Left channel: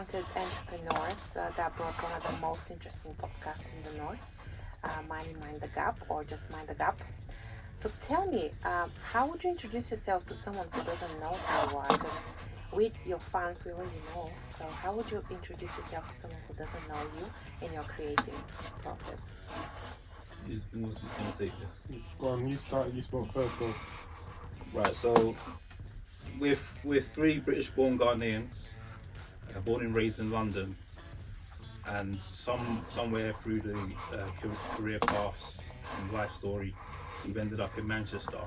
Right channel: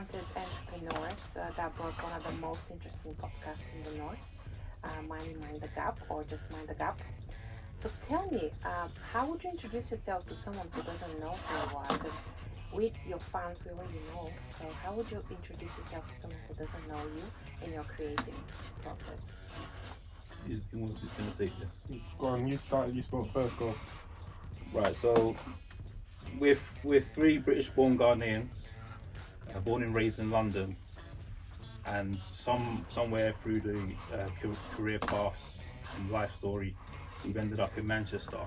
talented entrepreneurs that brought one of the most interesting podcasts in the North, Manny Mind The Gap, or just Mind The Gap. So tell me, how would you introduce yourself to someone who doesn't know who you are? Because with your fans, we already know. So how would you introduce yourself to someone who doesn't know you in your creative process? Who's going to take this? Go on, you started, you spoke first though. Right, so we're three British-born Ghanaians, born and raised in London, and somewhere through the career paths and life story, we've ended up in Manchester.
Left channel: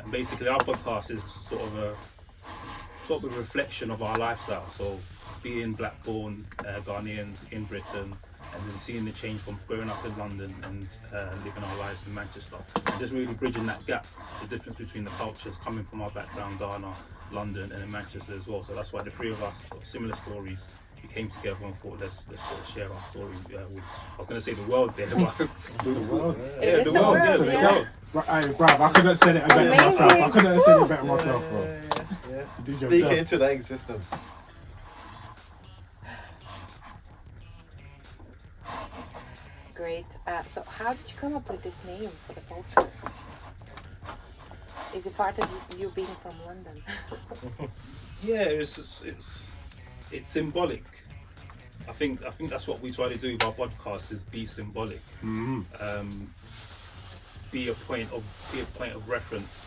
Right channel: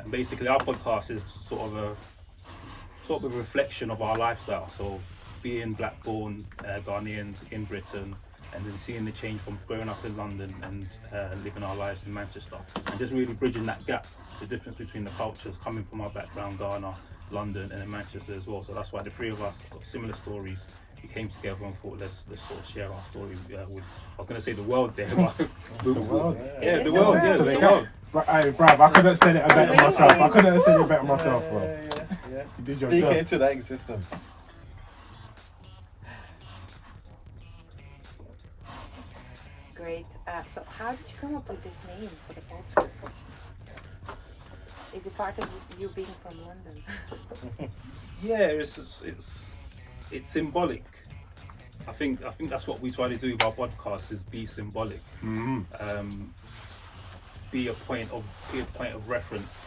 And basically, our podcast is sort of a reflection of our lifestyle. So, being black-born Ghanaians in Britain, and then seeing the change from growing up in London and living our lives in Manchester, and just really bridging that gap, the difference between the cultures, coming from our background, Ghana, London, and then Manchester as well. So that's why the three of us, similar stories, we came together and thought let's sort of share our story with, I was going to say the world there, but the world. Yeah, the world. Yeah, the world. Hey, bruv, I couldn't have said it better myself. I couldn't have said it better myself, bro. Yeah. Speak it into that existence. Great. So how did you come up with this name for the podcast? Is it part of you being from London? Yeah, it's symbolic. I think that's what we try to do with our podcast, is be symbolic. Be a point of reference.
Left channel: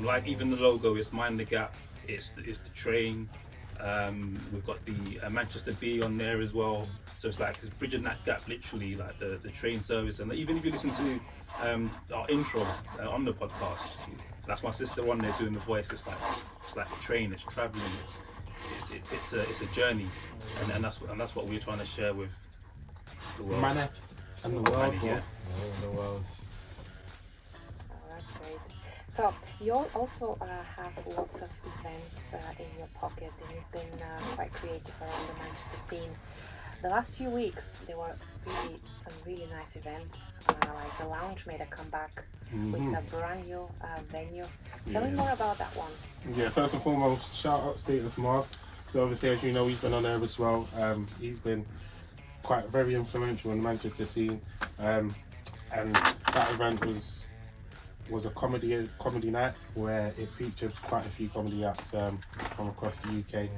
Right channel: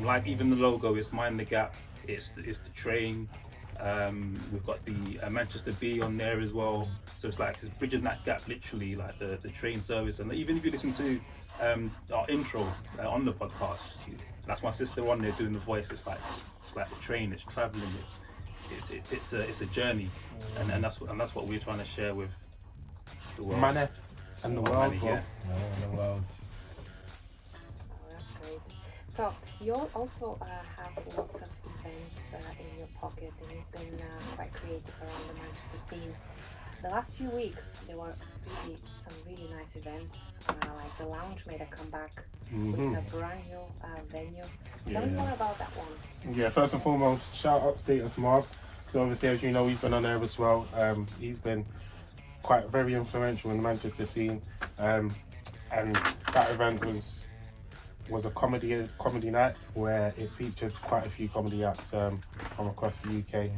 Like even the logo is Mind the Gap. It's the train. We've got the Manchester Bee on there as well. So it's like it's bridging that gap, literally, like the train service. And even if you listen to our intro on the podcast, that's my sister on there doing the voice. It's like the train. It's traveling. It's a journey, and that's what we're trying to share with the world. Manny and the world. Manny, yeah. Manny and the world. That's great. So you also have lots of events in your pocket, and you've been quite creative around the Manchester scene. The last few weeks, there were some really nice events. Like the Lounge made a comeback with a brand new venue. Tell me more about that one. Yeah, first and foremost, shout out Status Mark. So obviously, as you know, he's been on there as well. He's been quite very influential in the Manchester scene, and that event was a comedy night where it featured quite a few comedy acts from across the UK.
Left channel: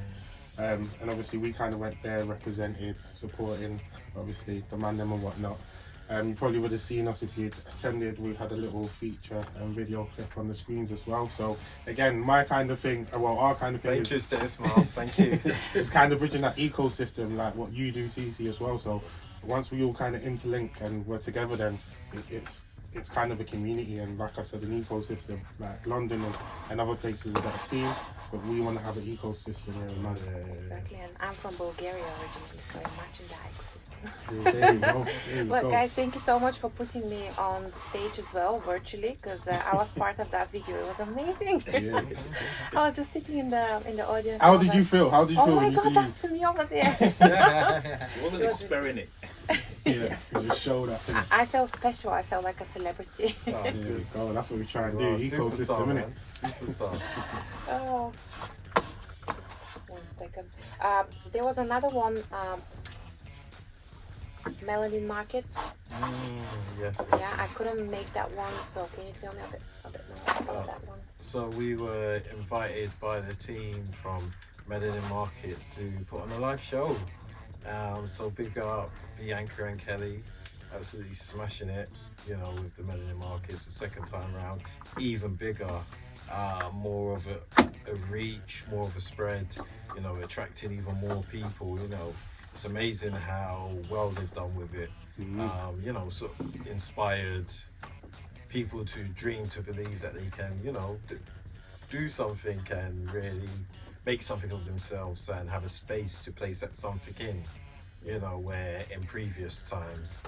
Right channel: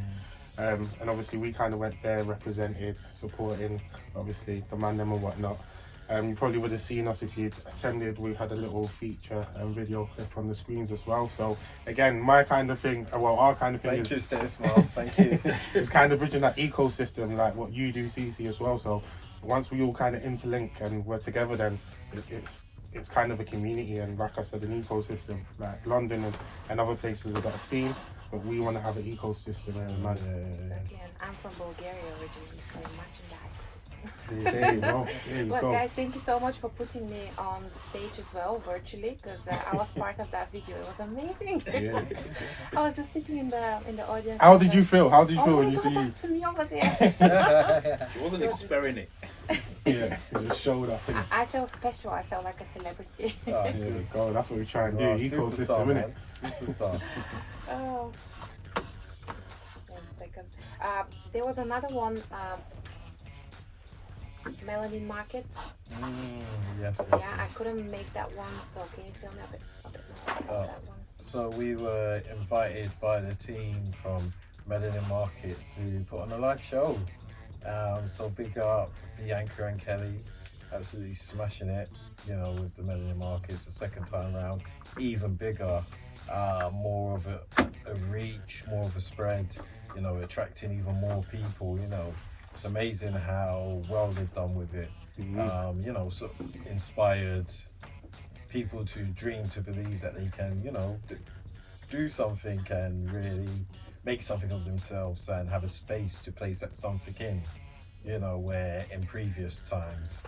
And obviously we kind of went there, represented, supporting obviously the man them and whatnot. You probably would have seen us if you'd attended. We had a little feature and video clip on the screens as well. So again, my kind of thing, well, our kind of thing. Thank you, Status Mark. Thank you. It's kind of bridging that ecosystem, like what you do, SISI, as well. So once we all kind of interlink and we're together, then it's kind of a community, and like I said, an ecosystem. Like London and other places that are seen, but we want to have an ecosystem here in London. Exactly, and I'm from Bulgaria originally, so imagine that ecosystem. There you go. There you But go. guys, thank you so much for putting me on the stage as well, virtually, because I was part of that video. It was amazing. Yeah. I was just sitting in the audience. How did you feel? How did you feel Oh when my you god, see you? that's me over there. It wasn't experiment. Yeah, you just showed up. innit? I felt special. I felt like a celebrity. Oh, There you good. go. That's what we're trying to do. Wow, Ecosystem, superstar, innit? man. Superstar. Oh. Just 1 second. There was another one. Melanin Markets. Yes. Yeah, I couldn't make that one, so can you tell me a bit more about that one? So we were invited by the team from Melanin Markets to put on a live show. So big up Bianca and Kelly, absolutely smashing it, with the Melanin Markets the second time round. Even bigger, more of a reach, more of a spread, attracting even more people, It's amazing how well they've done with it. So inspired people to dream, to believe that they can, do something and really make something of themselves and have a space to place that something in, where in previous times,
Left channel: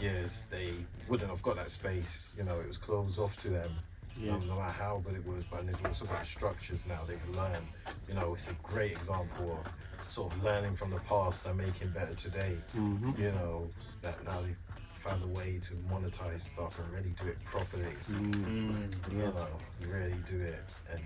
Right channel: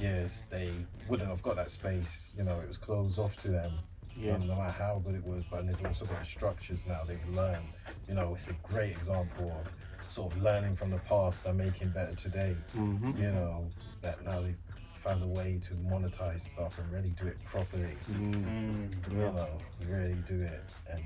years, they wouldn't have got that space, it was closed off to them. No matter how good it was, but they've also got the structures now they've learned. It's a great example of sort of learning from the past and making better today. That now they've found a way to monetize stuff and really do it properly. Really do it, and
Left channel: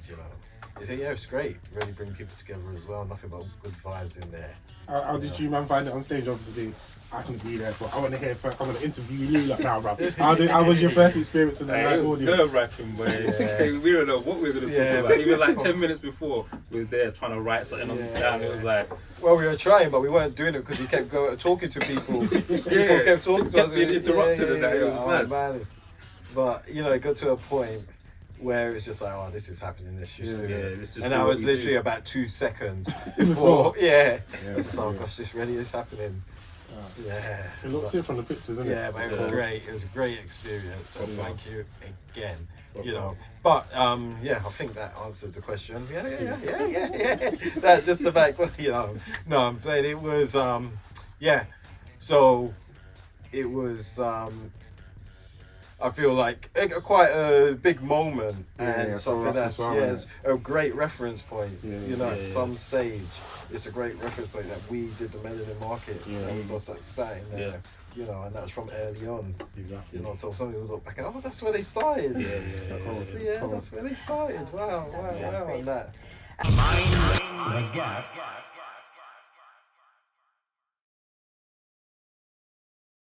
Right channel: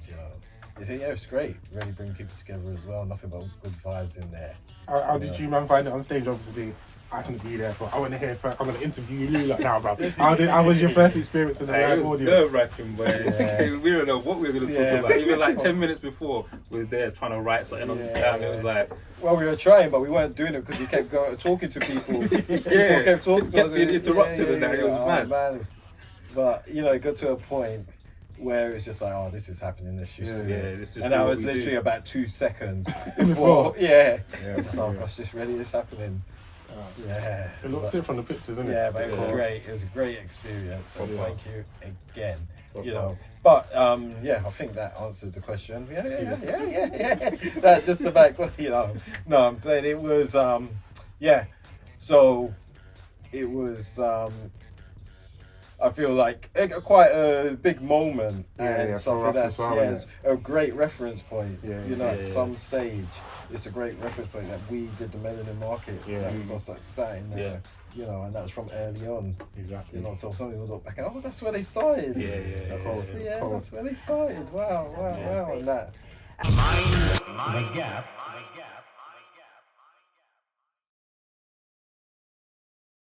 it's great. Really bring people together as well. Nothing but good vibes in there. How did you man find it on stage? Obviously, I couldn't be there, but I want to hear. I want to interview you like now, bro. How was your first experience in the live It was audience? nerve-wracking, but we don't know what we were going to talk about. Even like 10 minutes before, we were there trying to write something on down. It was like, well, we were trying, but we weren't doing it because we kept talking to people. People kept talking to us. Being interrupted and that. It was mad. Man. But it got to a point where it's just like, oh, this is happening. This just and that was literally about 2 seconds before. I was just like, oh gosh, this really is happening. It looks it from the pictures, isn't it? Yeah, but it was great. It was a great experience, and thank you again. But I think that answered the question. Yeah. That just about No, I'm saying it was So it was I feel like quite a big moment and something that's it's a great reference point. At some stage, it's a great reference point that we did the Melanin Market. That was us starting there. And that was from early on. Exactly. So some people look back and that's where they started. That's where they started. Wow. And that. Mind the Gap